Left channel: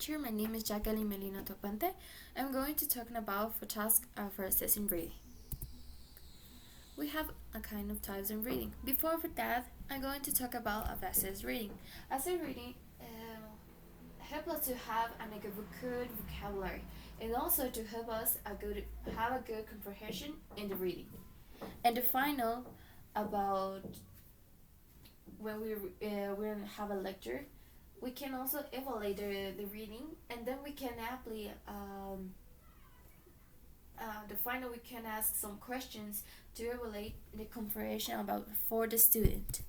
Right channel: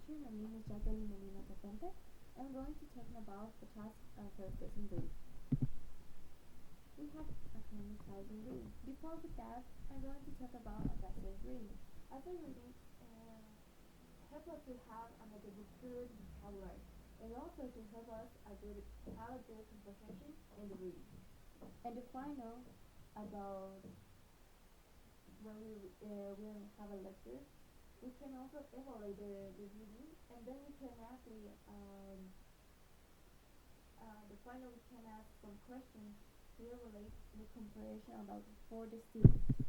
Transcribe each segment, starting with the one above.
teacher. My name is Jacqueline Melina Topante. I'm going to talk about for task for assessing reading. We have a kind of types in reading. Before that, I'm going to talk about assess reading. Assess reading help us to have a good vocabulary and also to help us have a good comprehension in the reading. And the final about when we have a lecture, we can also evaluate the reading, and then we can apply the final we can ask some questions to evaluate the comprehension about for the student.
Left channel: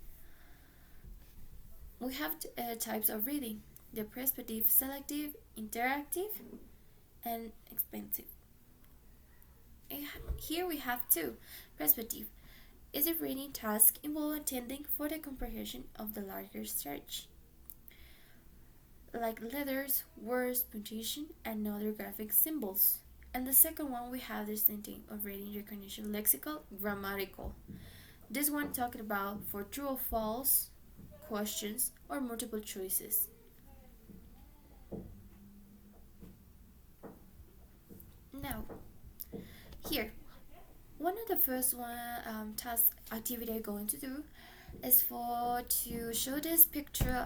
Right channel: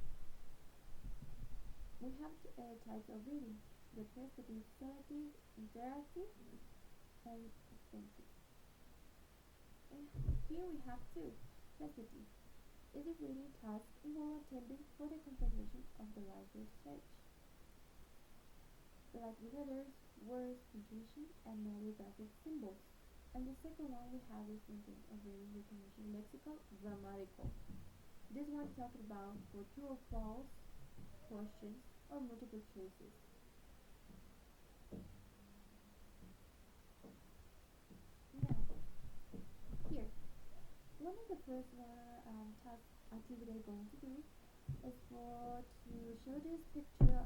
We have types of reading: the prescriptive, selective, interactive, and expansive. Here we have two. Prescriptive is a reading task involving attending for the comprehension of the larger search, like letters, words, punctuation, and other graphic symbols. And the second one we have this thinking of reading recognition, lexical, grammatical. This one talking about for true or false questions or multiple choices. Now, here, one of the first task activity I'm going to do is to show this picture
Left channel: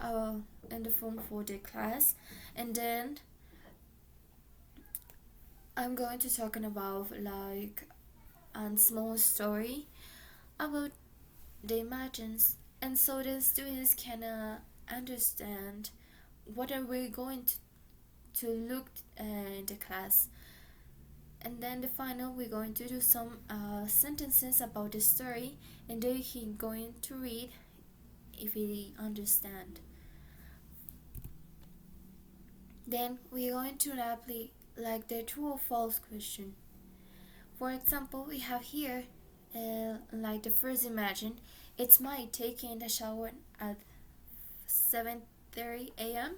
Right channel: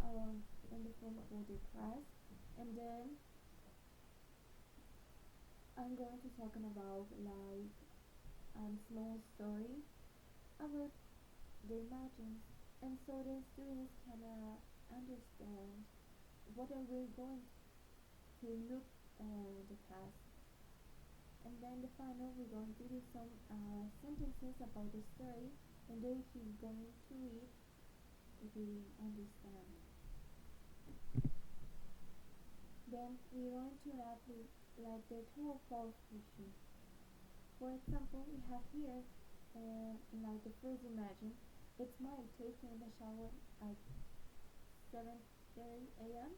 in the form for the class, and then I'm going to talking about like a small story about the images, and so the students can understand what are we going to look in the class. And then the final we're going to do some sentences about the story, and then he going to read if he understand. Then we're going to apply like the true or false question. For example, we have here like the first imagine, it's Mike taking a shower at 7:30 a.m.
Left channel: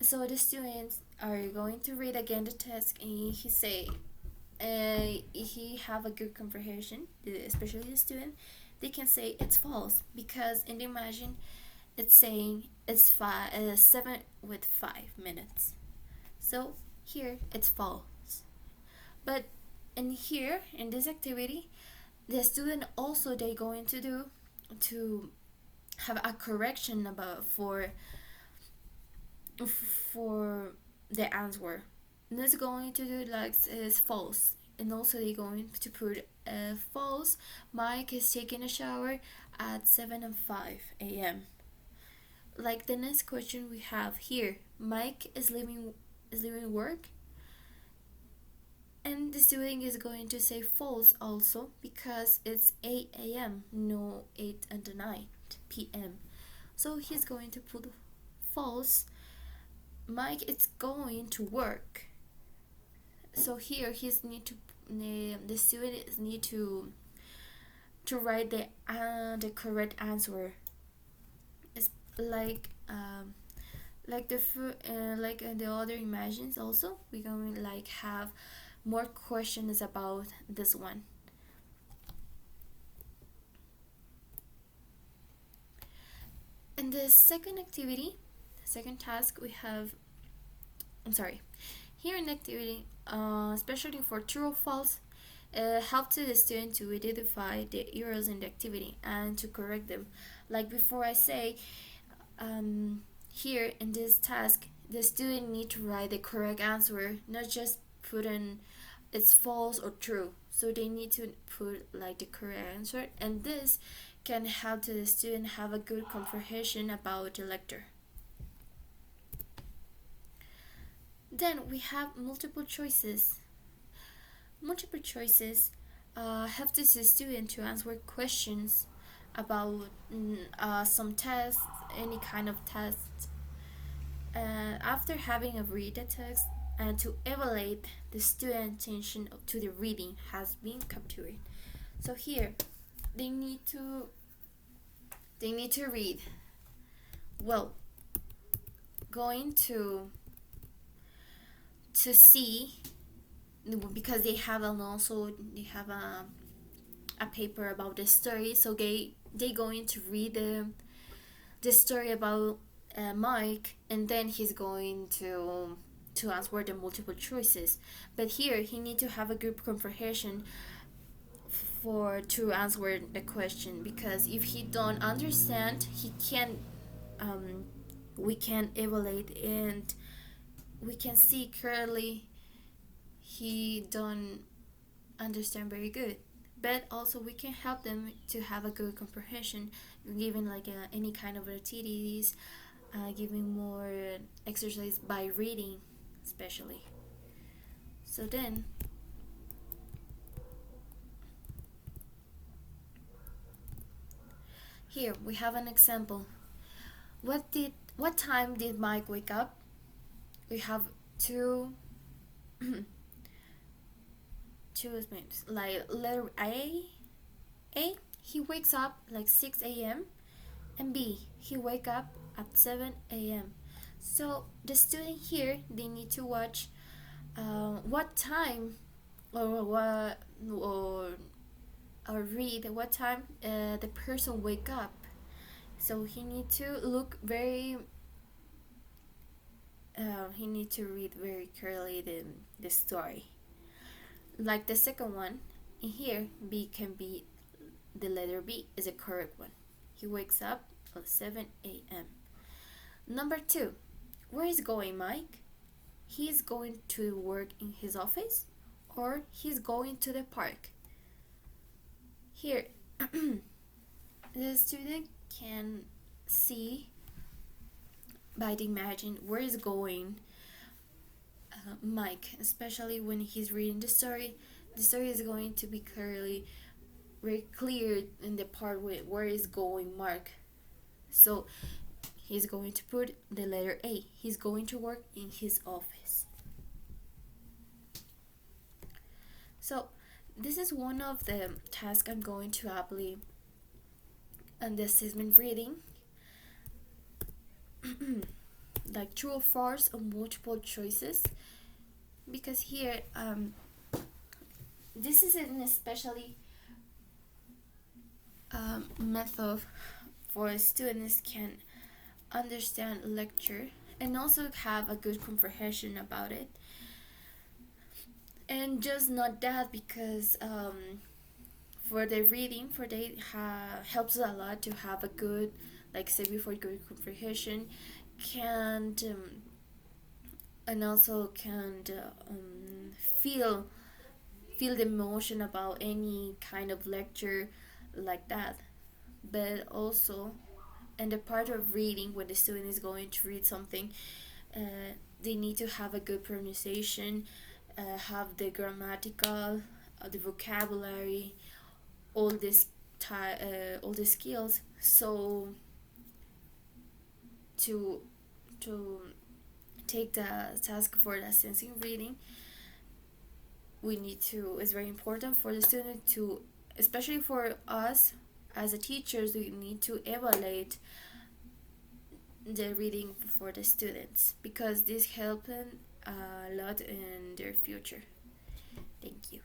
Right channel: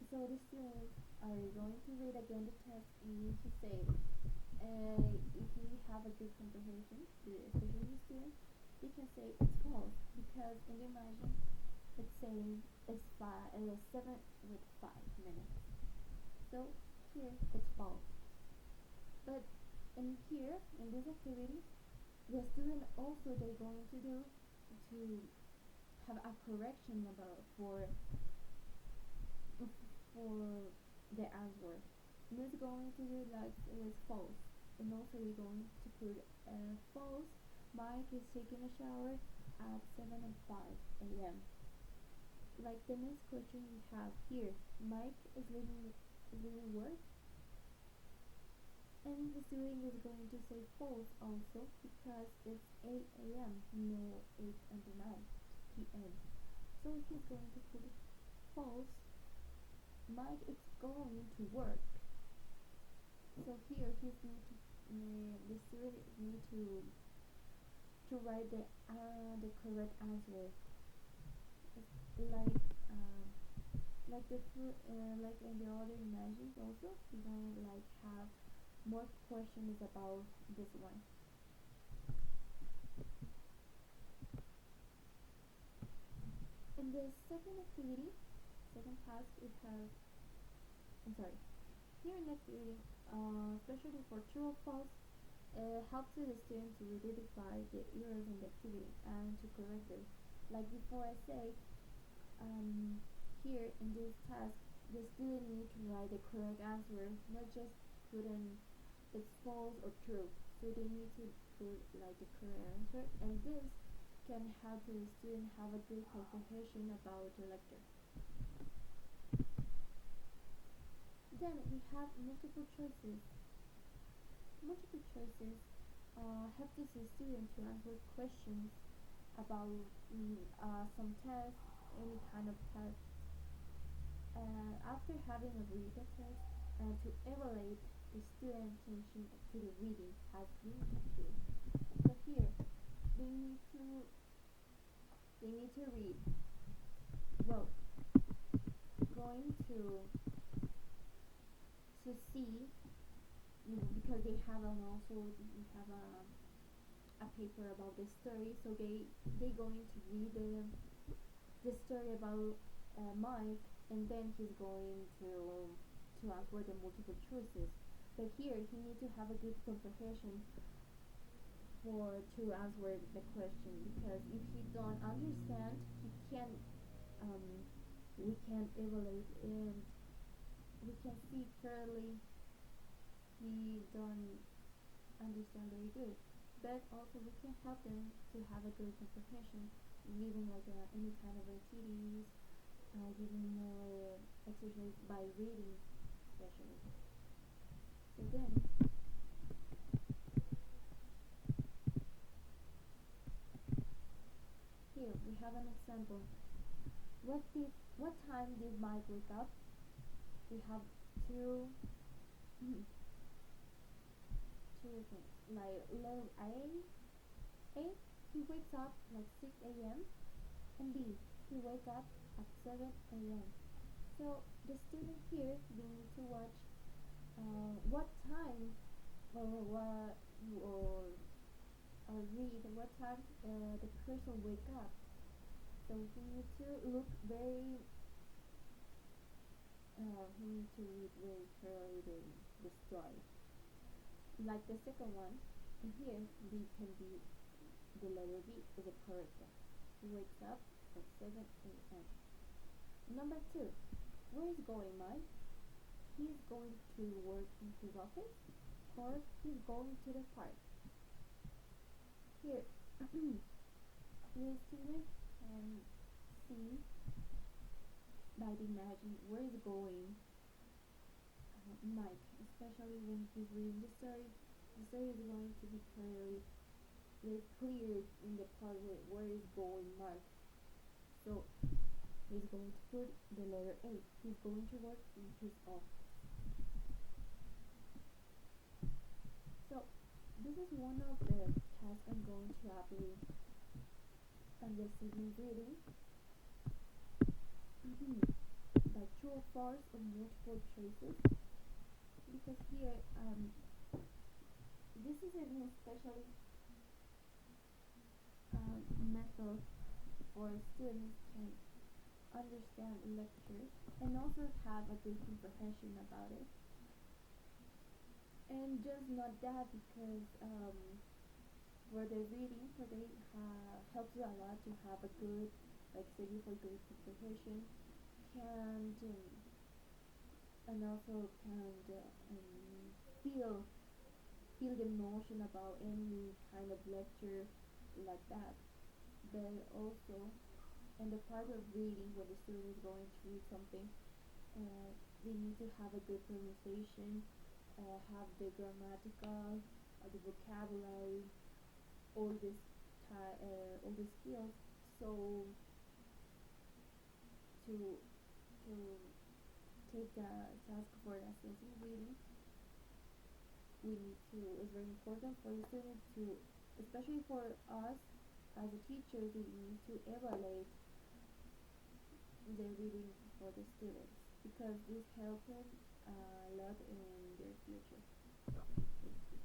So the students are going to read again the text, and he say he have a good comprehension, especially the student, they can say it's false because in the imagine it's saying it's 7 with 5 minutes. So here it's false. But in here in this activity, the student also they going to do to have a correction about for the answer. And it's going to do like is false, and also they're going to put false. Mike is taking a shower at 7:05 a.m. Like the next question we have here, Mike is leaving work, and the student is going to say false also because it's 8 a.m. no 8 at the night p.m. So he's going to put false. Mike is going to work. So here the students need to write the correct answer. It's like the other images also we're going to like have more questions about this one. In the second activity, second task we have here in the activity, especially for true or false, help to the student to identify the errors in the activity and to correct them. Like before I say, here in this task, the student need to write the correct answer, not just put in it's false or true. So they need to put like the correct answer, and this can help to the student have a good comprehension about the lecture. Then we have multiple choices. Multiple choices help the student to answer questions about some tests, any kind of test. After having a read the text and to evaluate the student attention to the reading has been captured. So here they need to read well, going to see, because they have they have a paper about the story, so they going to read the story about Mike, and then he's going to answer the multiple choices. But here he need to have a group comprehension for to answer the question, because if he don't understand, he can we can evaluate and we can see clearly he don't understand very good. But also we can help them to have a good comprehension, giving like any kind of activities, giving more exercise by reading especially. So then here we have an example. What time did Mike wake up? We have two two minutes. Like letter A, he wakes up like 6 a.m., and B, he wake up at 7 a.m. So the student here, they need to watch what time, or what, or read what time the person wake up. So he need to look very he need to read very clearly the story. Like the second one, in here B can be, the letter B is a correct one. He wakes up at 7 a.m. Number 2, where is going Mike? He's going to work in his office, or he's going to the park. Here the student can see by the imagine where is going Mike, especially when he's reading the story. The story is going to be clearly very clear in the part where is going Mark. So he's going to put the letter A. He's going to work in his office. So this is one of the tasks I'm going to apply on the assessment reading. Like true or false or multiple choices, because here this is an especially method for students can understand lecture and also have a good comprehension about it. And just not that, because for the reading for they helps a lot to have a good, like say before, good comprehension, can and also can feel the emotion about any kind of lecture like that. But also in the part of reading, when the student is going to read something, they need to have a good pronunciation, have the grammatical, the vocabulary, all this all the skills. So to take the task for the sensing reading, we need to, it's very important for the student to, especially for us as a teachers, we need to evaluate the reading for the students, because this helps them a lot in their future. Thank you.